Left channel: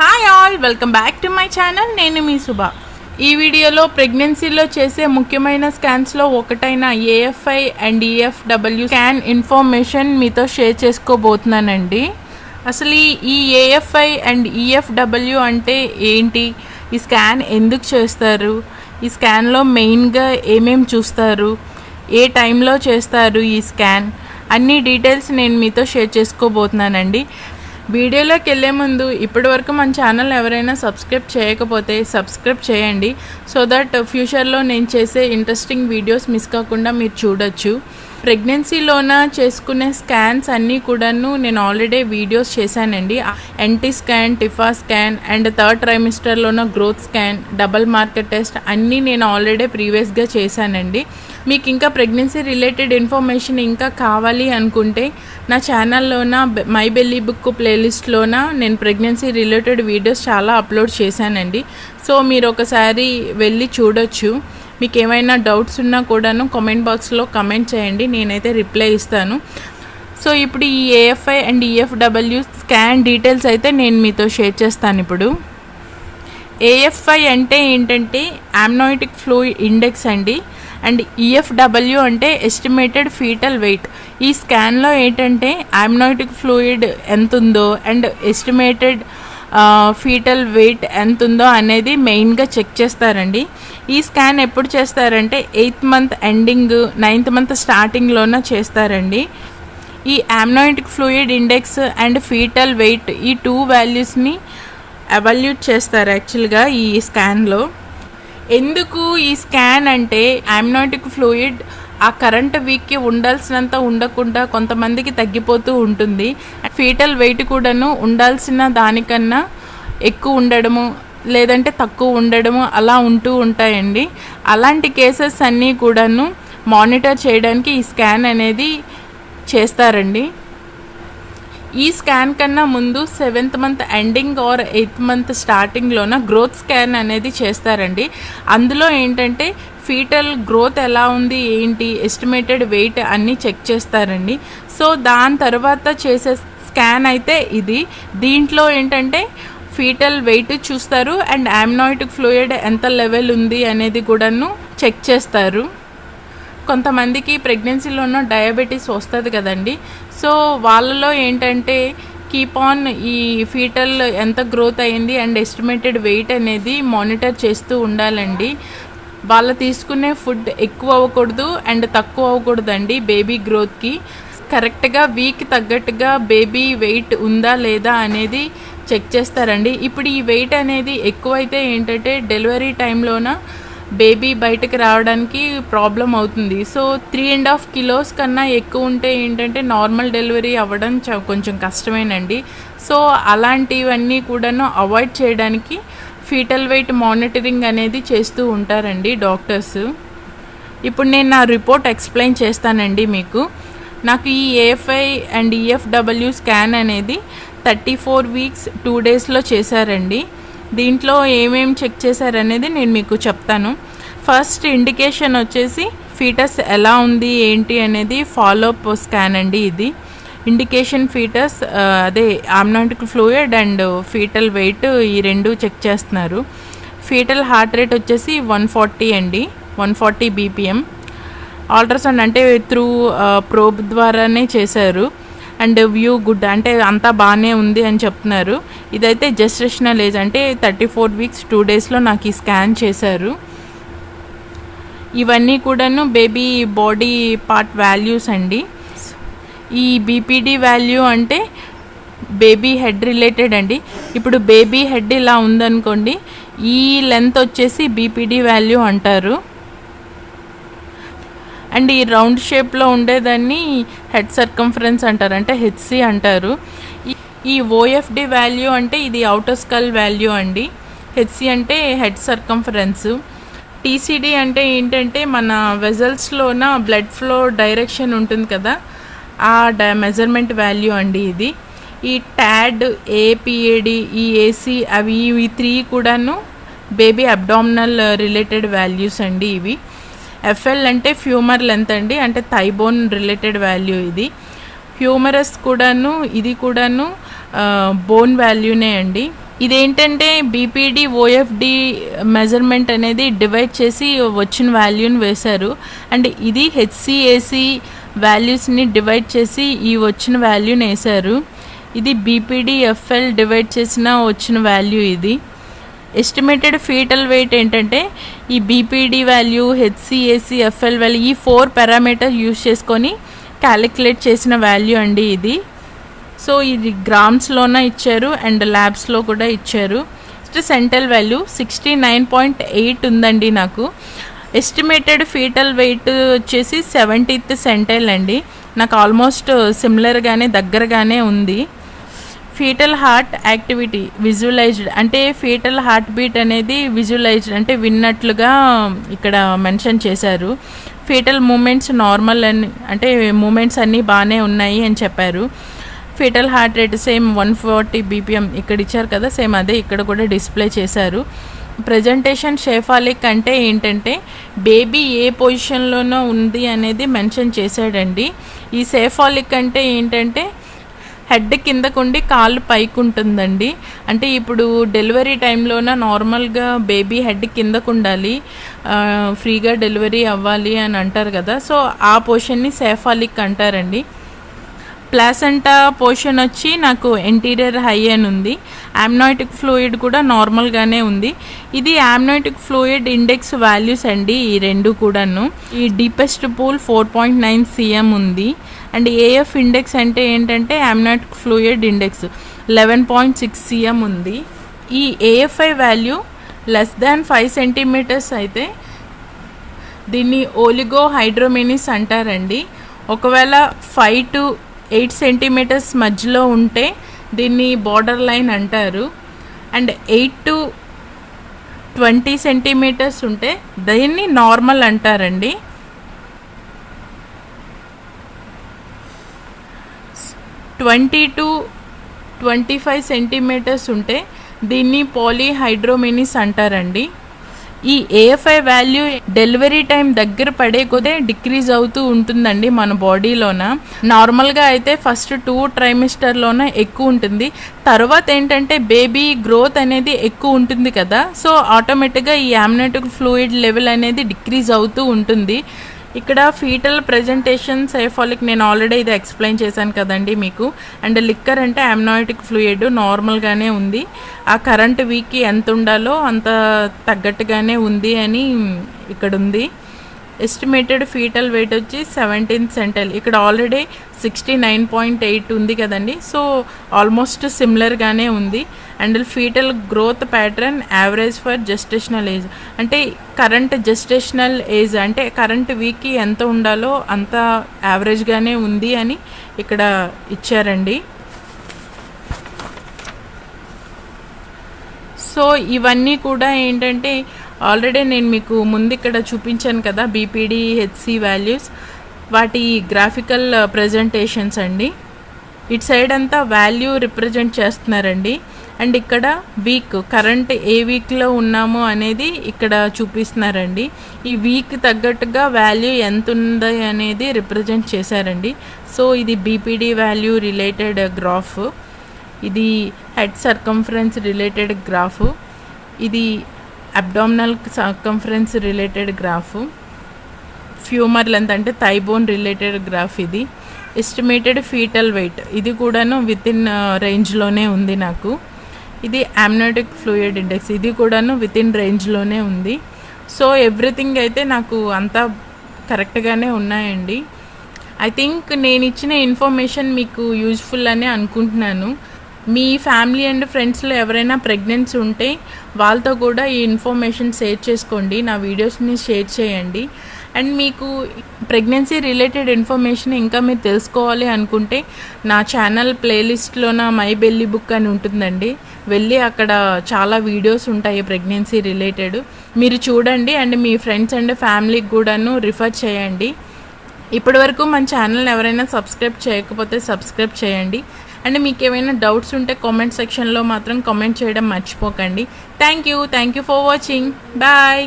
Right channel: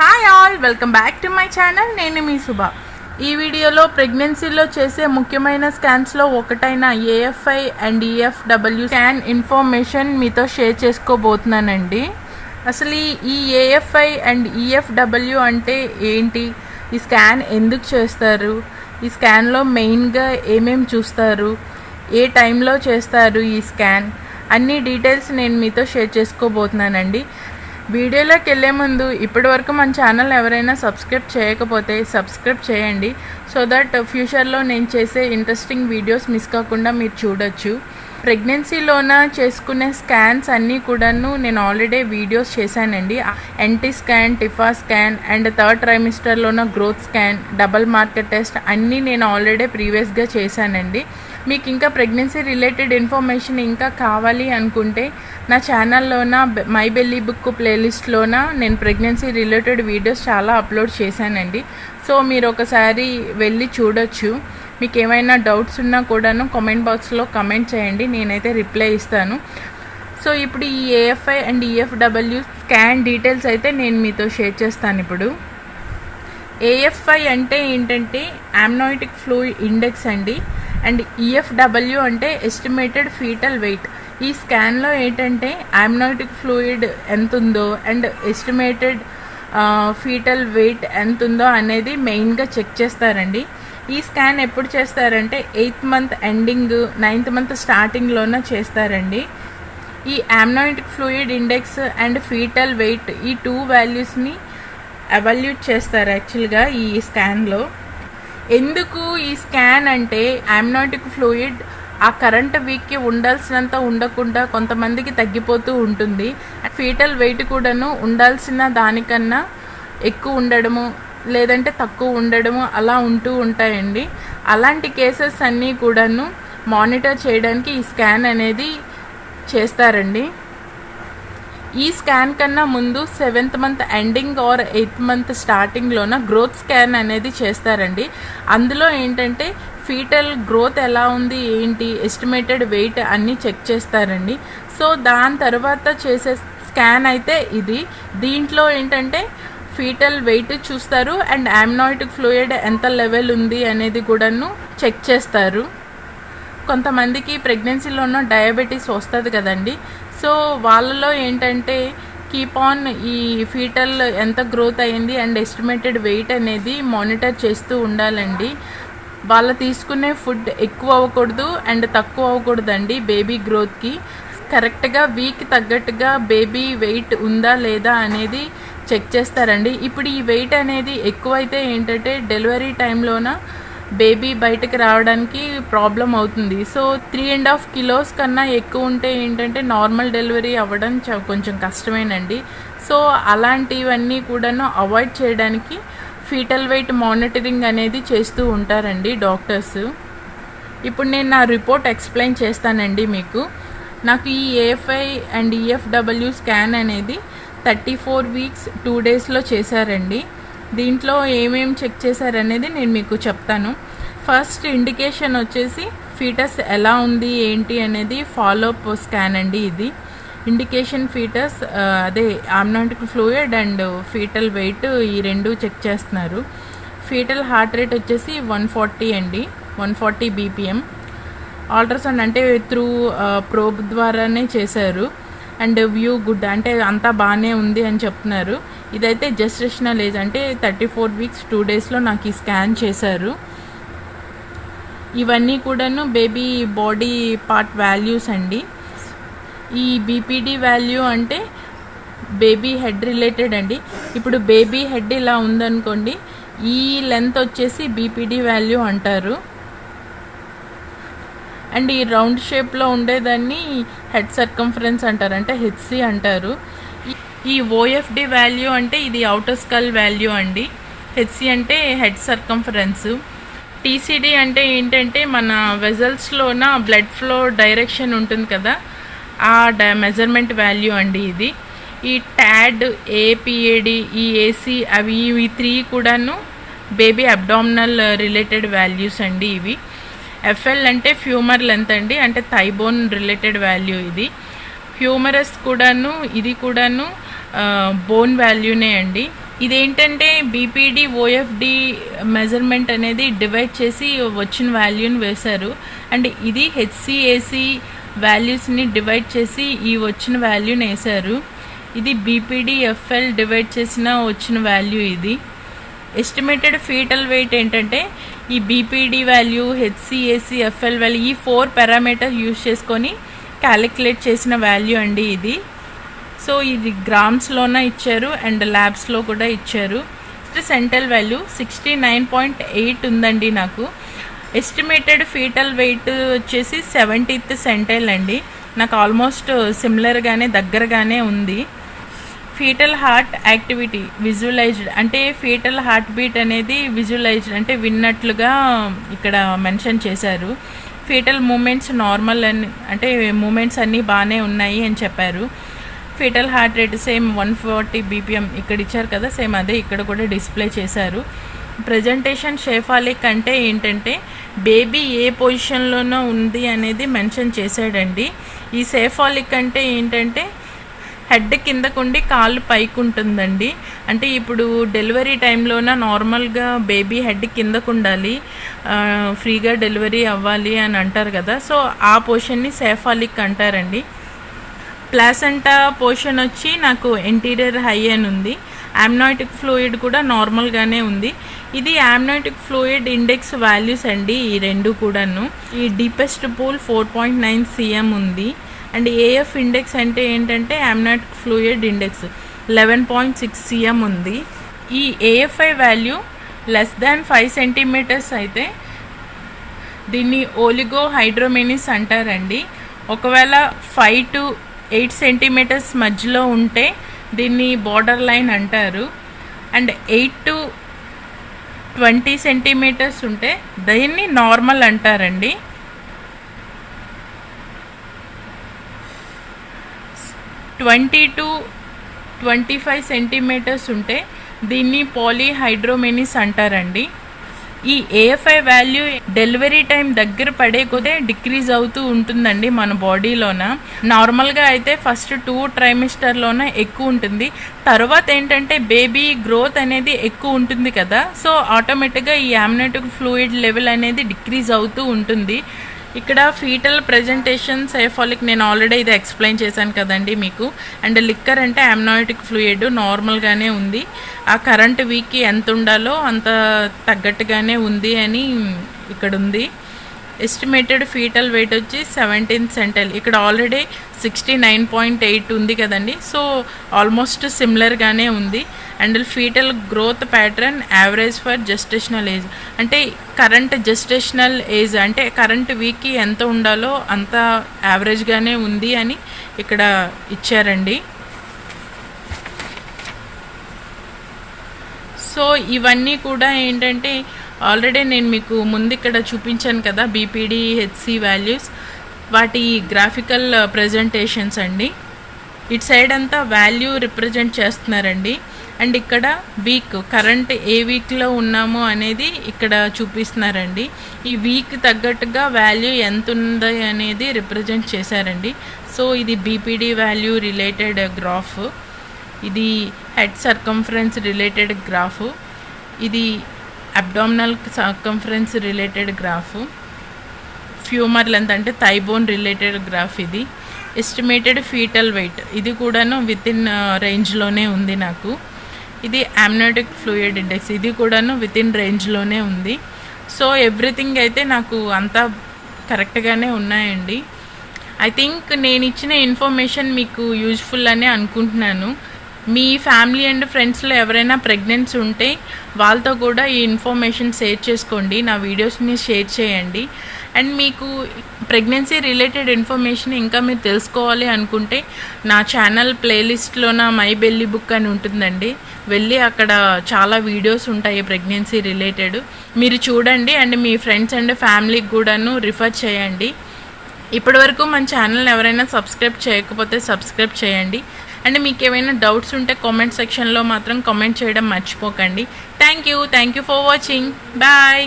Hi all, welcome back to my channel. నేను మీ శుభ. ఈ వీడియోలో ప్రెగ్నెన్సీలో చేసే ముఖ్యమైన స్కాన్స్లో ఒకటైన ఏఎఫ్ఐ అండ్ ఈఎఫ్డబ్ల్యూ స్కాన్ ఇన్ఫర్మేషన్ మీతో షేర్ చేసుకోబోతున్నానండి. అసలు ఈ ఏఎఫ్ఐ అండ్ ఈఎఫ్డబ్ల్యూ అంటే ఏంటి, ఈ స్కాన్ ఎందుకు చేస్తారు, ఈ స్కాన్లో మెయిన్గా ఏమేమి చూస్తారు, ఏ టైంలో చేస్తారు ఈ స్కాన్, అన్ని డీటెయిల్స్ నేను మీతో షేర్ చేసుకోబోతున్నానండి. వీడియోలోకి వెళ్ళే ముందు ఇప్పటివరకు మన ఛానల్ ఎవరైనా సబ్స్క్రైబ్ చేయకపోతే సబ్స్క్రైబ్ చేయండి, సో దట్ ఫ్యూచర్లో నేను చేసే ఇంట్రెస్టింగ్ వీడియోస్ మిస్ కాకుండా మీరు చూడొచ్చు. ప్రెగ్నెన్సీలోన చేసుకునే స్కాన్స్ అన్నీ కూడాను నేను ఆల్రెడీ వీడియోస్ చేశానండి. NT scan, TIFFA scan and third ట్రైమిస్టర్లోన growth scan, double marker test అన్నీ నేను ఆల్రెడీ ప్రీవియస్గా చేశానండి. మీకు ఇంకా ప్రెగ్నెన్సీ రిలేటెడ్ ఇన్ఫర్మేషన్ ఇంకా కావాలి అనుకుంటే నా ఛానల్లోన మై బెల్లీ బుక్ ప్లేలిస్ట్లోన నేను ప్రెగ్నెన్సీ రిలేటెడ్ వీడియోస్ చాలా అప్లోడ్ చేశానండి. సో మీరు ఒకసారి వెళ్ళి చూడొచ్చు. మీకు ఏమైనా డౌట్స్ ఉన్నా కూడాను కామెంట్ బాక్స్లో కమెంట్ చేయండి, నేనైతే రిప్లై ఇస్తాను. సో ఇప్పుడు ఈ ఏఎఫ్ఐ అండ్ ఈఎఫ్డబ్ల్యూ స్కాన్ డీటెయిల్స్ అయితే నేను మీతో షేర్ చేస్తాను. ఇప్పుడు ఏఎఫ్ఐ అంటే ఏంటంటే అమ్నోటిక్ ఫ్లూయిడ్ ఇండెక్స్ అండి, అండ్ ఈఎఫ్డబ్ల్యూ అంటే ఎస్టిమేటెడ్ ఫీటల్ వెయిట్. ఈ స్కాన్లో ఏంటంటే అమ్నోటిక్ ఫ్లూయిడ్ ఎంత ఉందో అండ్ ఎస్టిమేటెడ్ ఫీటల్ వెయిట్ ఎంత ఉందో అనేది మెయిన్గా చెక్ చేస్తారండి. ఈ స్కాన్ ఎప్పుడు చేస్తారంటే 8th month ending, 9th month స్టార్టింగ్లోనే చేస్తారండి. ఈ amniotic fluid index and fetal weight ఈ 2 వాల్యూస్ని ఎవాల్యూట్ చేస్తారు యాక్చువల్గా ఈ స్కాన్లో. ఎందుకు ఈ స్కాన్ అంటే అమ్నోటిక్ ఫ్లూయిడ్ ఆ కరెంట్ వీక్కి ఉండాల్సినంత ఉండకుండా కొంతమందికి తగ్గిపోతూ ఉంటుంది. ఫీటల్ వెయిట్ కూడాను ఉండాల్సిన దానికన్నా ఎక్కువ ఉండడము లేదంటే తక్కువ ఉండడము అలా ఉంటూ ఉంటాయండి. అలాంటి కేసెస్ అన్నీ కూడాను మానిటర్ చేయడానికి ఈ స్కాన్ అనేది చేస్తారండి. ఈ స్కాన్ కన్నా ముందు 7th month ending or 8th month స్టార్టింగ్లోన గ్రోత్ స్కాన్ అనేది చేస్తారండి. అందులో ఏంటంటే ఫీటల్ గ్రోత్ ఎలా ఉంది ఏంటి, ఎస్టిమేటెడ్ వెయిట్ అన్నీ చెక్ చేస్తారండి. సో దాని తర్వాత చేసే స్కాన్ అయితే ఇది. దీంట్లో ఏంటంటే ఫీటల్ వెయిట్ చూస్తారు అండ్ అమ్నోటిక్ ఫ్లూయిడ్ ఎంత లెవెల్ ఉంది అనేది కూడాను చెక్ చేస్తారు. కొంతమందికి ప్రెగ్నెన్సీలోనూ డయాబెటీస్ వస్తుంది కదండి. సో వాళ్ళలో ఏంటంటే కీప్ ఆన్ ఈ ఫీటల్ ఎంత గ్రోత్ అయ్యింది అండ్ ఎస్టిమేటెడ్ వెయిట్ అనేది మానిటర్ చేస్తూ ఉండాలండి. వాళ్ళు తీసుకునే ఫుడ్ ఎక్కువ అవ్వకూడదు అండ్ తక్కువ అవ్వకూడదండి. బేబీ గ్రోత్కి కరెక్ట్గా వీక్ తగ్గట్టుగా బేబీ వెయిట్ ఉందా లేదా అనేది చెక్ చేస్తారండి. ఇప్పుడు ఈ వెయిట్ అనేది ఎక్కువైతే ఏంటంటే డెలివరీ టైంలోన బేబీ బయటకు రావడానికి ప్రాబ్లం అవుతుంది. సో 3.5 kilos కన్నా ఎక్కువ ఉంటే ఏంటంటే నార్మల్ డెలివరీ అవ్వడం కొంచెం కష్టమేనండి. సో అలాంటివన్నీ కూడాను అవాయిడ్ చేయడానికి ఫీటల్ వెయిట్ మానిటరింగ్ అనేది చేస్తూ ఉంటారండి డాక్టర్స్. ఇప్పుడు నేను నా రిపోర్ట్ ఎక్స్ప్లెయిన్ చేస్తానండి మీకు. నాకు ఈ ఏఎఫ్ఐ అండ్ ఈఎఫ్డబ్ల్యూ స్కాన్ అనేది 34 weeks 2 daysలో చేశారండి. దీంట్లో ఏమేమి చెక్ చేశారనేది నేను మీకు చెప్తాను. ఫస్ట్ ఇండికేషన్ వచ్చేసి ఫీటస్ ఎలా ఉంది ఏంటి అనేది ఫాలోఅప్ స్కాన్ అండి. ఇది ఇండికేషన్ ఫీటస్ అదే అమ్నోటిక్ ఫ్లూయిడ్ అండ్ ఫీటల్ వెయిట్ ఈ 2 చెక్ చేస్తున్నారు. ఫీటల్ హార్ట్ రేట్ వచ్చేసి 140 అండి, 140 BPM. అల్ట్రాసౌండ్ అంటే త్రూ ప్రోబ్ ద్వారానే చేశారు అండ్ వ్యూ గుడ్ అంటే అంతా బాగానే ఉంది అని చెప్తున్నారు. ఇదైతే జెస్టేషనల్ ఏజ్ అంటే 34 weeks 2 daysలో నాకు ఈ స్కాన్ చేశారు. ఇవన్నీ కూడాను బేబీ బాడీ పార్ట్ వాల్యూస్ అండి. ఈ బీపీడీ వాల్యూ అంటే బేబీ హెడ్ రిలేటెడ్ అండి. ఇప్పుడు బేబీ హెడ్ ఇలా ఉందనుకోండి, ఈ లెంత్ వచ్చేసి బీపీడీ వాల్యూ అంటారు. అండ్ ఈ రౌండ్ షేప్లో ఉండేదాన్ని హెడ్ సర్కంఫరెన్స్ అంటారు, అంటే హెచ్సి అంటారు. ఈ ఓఎఫ్డి వాల్యూ అంటే ఇది అవుటర్ స్కల్ వాల్యూ అండి. హెచ్సి అంటే హెడ్ సర్కంఫరెన్స్. టీసీడీ అంటే ఏంటంటే మన వెజల్స్లోన బ్లడ్ ఫ్లో డైరెక్షన్ ఉంటుంది కదా, ఆ మెజర్మెంట్ వాల్యూ అండి ఇది. ఈ ట్యాడ్, ఏపీఏడి, ఈ ఏసీ అవి ఇవి 3 కూడాను బేబీ అబ్డామినల్ రిలేటెడ్ వాల్యూస్ అండి ఇవి. ఎఫ్ఎల్ అంటే ఫ్యూమర్ లెంత్ అండి, అంటే థైబోన్ రిలేటెడ్ వాల్యూ ఇది. హ్యూమరస్ కూడాను ఇది కూడాను బోన్ వాల్యూనే అండి. ఇదేంటంటే బీపీడి ఓఎఫ్డి మెజర్మెంట్ అనేది డివైడ్ చేసి వచ్చిన వాల్యూని వేశారు. అండ్ ఇది హెచ్సిఏసి వాల్యూస్ని డివైడ్ చేసి ఈ వచ్చిన వాల్యూని వేశారు. ఇది బీపీడి ఎఫ్ఎల్ డివైడ్ చేసిన వచ్చిన వాల్యూ. ఇది ఎస్టిమేటెడ్ ఫీటల్ వెయిట్ ఏంటంటే ఈ బీపీడి వాల్యూ, హెచ్సిఏసి, ఎఫ్ఎల్ వాల్యూ ఈ 4 పారామీటర్ యూజ్ చేసుకొని క్యాలిక్యులేట్ చేసిన వాల్యూ అండి ఇది. సో ఇది గ్రామ్స్లోన ఇచ్చారు అండ్ ల్యాబ్స్లో కూడా ఇచ్చారు. సెంటల్ వాల్యూ 69.8 ఉందండి నాకు. ఎస్టిమేటెడ్ ఫీటల్ వెయిట్ వచ్చేసి 70th సెంటైల్ అండి. నాకు ఆల్మోస్ట్ సిమిలర్గానే దగ్గరగానే ఉంది. ఫీటల్ హార్ట్ యాక్టివిటీ విజువలైజ్డ్ అంటే ఫీటల్ హార్ట్ బీట్ అనేది విజువలైజ్డ్ అంటే విన్నట్లుగా ఇక్కడ మెన్షన్ చేశారు. ఫీటల్ మూమెంట్స్ నార్మల్ అని అంటే మూమెంట్స్ అన్నీ బాగానే ఉన్నాయి అని చెప్పారు. Foetal heart rate same 140 BPM ఇక్కడ ఇచ్చారు కదా, సేమ్ అదే ఇక్కడ కూడా డిస్ప్లే చేశారు. ప్రజెంటేషన్ షేఫాలిక్ అంటే ఏంటంటే బేబీ ఏ పొజిషన్లోనో ఉంది అనేది మెన్షన్ చేశాడండి. ఈ సేఫాలిక్ అంటే ఏంటంటే హెడ్ కిందకుండి కాళ్ళు పైకి ఉంటుందండి. అంటే ఇప్పుడు డెలివరీ టైంలోన నార్మల్గా బేబీ హెడ్ కిందకు ఉండాలి, ఫ్రీగా డెలివరీ అవ్వాలి అని అంటారు కదా, సో ఆ పొజిషన్ని సేఫాలిక్ అంటారండి. ప్లాసెంటా పోర్షన్ వచ్చి నాకు ఎంటీరియర్ హై అని ఉంది. యామ్నోటిక్ ఫ్లూయిడ్ కూడా నార్మల్గానే ఉంది. ఇది యామ్నోటిక్ ఫ్లూయిడ్ ఇండెక్స్ వాల్యూస్ అండి ఈ రెండు కూడాను. ఈ డీపెస్ట్ పూల్ 4.9 cm ఉంది. అండ్ ఏఎఫ్ ఇండెక్స్ అంటే ఏంటంటే యామ్నోటిక్ ఫ్లూయిడ్ ఇండెక్స్ 11.6 cm ఉంది. ఈ AFI value less than 5 cm అయితే దీన్ని ఓలిగో హైడ్రోమెనిస్ అంటారండి. ఒకవేళ 5 to 8 cm మధ్యలో ఉంటే దీన్ని బార్డర్ లైన్ అంటారు. అండ్ 8 to 20 cm ఉంటే దీన్ని నార్మల్ అంటారండి. 20 to 25 cm ఉంటే దీన్ని పాలీహైడ్రోమెనిస్ అంటారండి. ఈ ఏఎఫ్ఐ వాల్యూ డెలివరీ టైం దగ్గర పడే కొద్దే డిక్రీజ్ అవుతూ ఉంటుందండి మన బాడీలోన. నార్మల్గా అయితే ఫస్ట్ 2 ట్రైమిస్టర్లోనే ఎక్కువ ఉంటుంది. తర్వాత ఏంటంటే బేబీ గ్రోత్ అనేది ఎక్కువ ఉంటుంది కదా, సో ఆటోమేటిక్గా ఈ యామ్నోటిక్ ఫ్లూయిడ్ లెవెల్ అనేది డిక్రీజ్ అవుతూ ఉంటుంది. ఇక్కడ ఫీటల్ ప్రెజెంటేషన్ సేఫాలిక్ నేను ఆల్రెడీ ఇది ఎక్స్ప్లెయిన్ చేశాను కదండి మీకు. అండ్ లిక్కర్ అంటే యామ్నోటిక్ ఫ్లూయిడ్ నార్మల్గానే ఉంది. ఆ కరెంట్ వీక్కి ఎంత ఉండాలో అంత తగ్గట్టుగానే ఉంది అని ఇక్కడ ఉంది. ఎస్టిమేటెడ్ ఫీటల్ వెయిట్ వచ్చి 17th centile. ఇక్కడ ఆల్రెడీ 69.8 ఉంది కదండి, సో ఆల్మోస్ట్ సిమిలర్గానే ఉంది. And fetal growth pattern average for gestational age అంటే కరెంట్ జెస్టేషనల్ ఏజ్ అంటే కరెంట్ వీక్కి ఎంత ఉండాలో అంత యావరేజ్గానే ఉంది అని ఇక్కడ ఇచ్చారండి. సో ఇవన్నీ కూడా ఏంటంటే ఆల్రెడీ నేను మీకు ముందు ఇక్కడ చూపించాను కదా బీపీడీ హెచ్సి వాల్యూస్, వాటి గ్రాఫికల్ ప్రజెంటేషన్స్ అండి. ఇటు సైడ్ అంతా వాల్యూ రిప్రజెంట్ చేస్తున్నారండి. అండ్ ఇక్కడ వీక్ కరెంట్ ఏ వీక్లో ఉన్నామో అనేది ఇక్కడ చూపిస్తున్నారండి. ఈ వీక్ తగ్గట్టుగా వాల్యూ ఎంత ఉంది అనేది రిప్రజెంట్ చేశారండి. సో ఇది బీపీడీ వాల్యూ రిలేటెడ్ గ్రాఫ్, ఇది హెడ్ సర్కంఫరెన్స్ రిలేటెడ్ గ్రాఫ్, ఇది abdominal circumference related graph, ఫ్యూమర్ length అంటే థైబోన్ రిలేటెడ్ గ్రాఫ్, ఇది ఎస్టిమేటెడ్ ఫీటల్ వెయిట్ ఇది కూడాను విత్ ఇన్ రేంజ్లోనే ఉంది నాకు. ఇది యామ్నోటిక్ ఫ్లూయిడ్ ఇండెక్స్ ఇది కూడాను విత్ ఇన్ రేంజ్లోనే ఉంది. సో ఎవ్రీథింగ్ అయితే నాకు అంతా కరెక్ట్గానే ఉన్నాయండి. ఐ థింక్ నేను ఇచ్చిన ఇన్ఫర్మేషన్ మీకు యూజ్ఫుల్ అనే అనుకుంటున్నాను. మీ ఫ్యామిలీ అండ్ ఫ్రెండ్స్లో ఎవరైనా ప్రెగ్నెన్సీ ఉంటే వాళ్ళతో కూడా ఈ ఇన్ఫర్మేషన్ షేర్ చేసుకోండి, నా వీడియోస్ని షేర్ చేయండి. అండ్ మీకు ప్రెగ్నెన్సీ రిలేటెడ్ ఇన్ఫర్మేషన్ ఇంకా మీరు తెలుసుకోవాలి అనుకుంటే నా ఛానల్ ప్లేలిస్ట్లో నా మై బెల్లీ బుక్ అని ఉంటుందండి, వెళ్ళి అక్కడ చాలా వీడియోస్ ఉంటాయి ప్రెగ్నెన్సీ రిలేటెడ్, మీరు చూడండి. అండ్ మీ ఫ్రెండ్స్ అండ్ ఫ్యామిలీకి కూడాను రిఫర్ చేయండి. ఇప్పటివరకు మన ఛానల్ ఎవరైనా సబ్స్క్రైబ్ చేయకపోతే సబ్స్క్రైబ్ చేయండి. అండ్ మీకు ఏమైనా డౌట్స్ ఉంటే కామెంట్ సెక్షన్లో మాత్రం కామెంట్ చేయడం మర్చిపోకండి. Thank you for watching. Bye.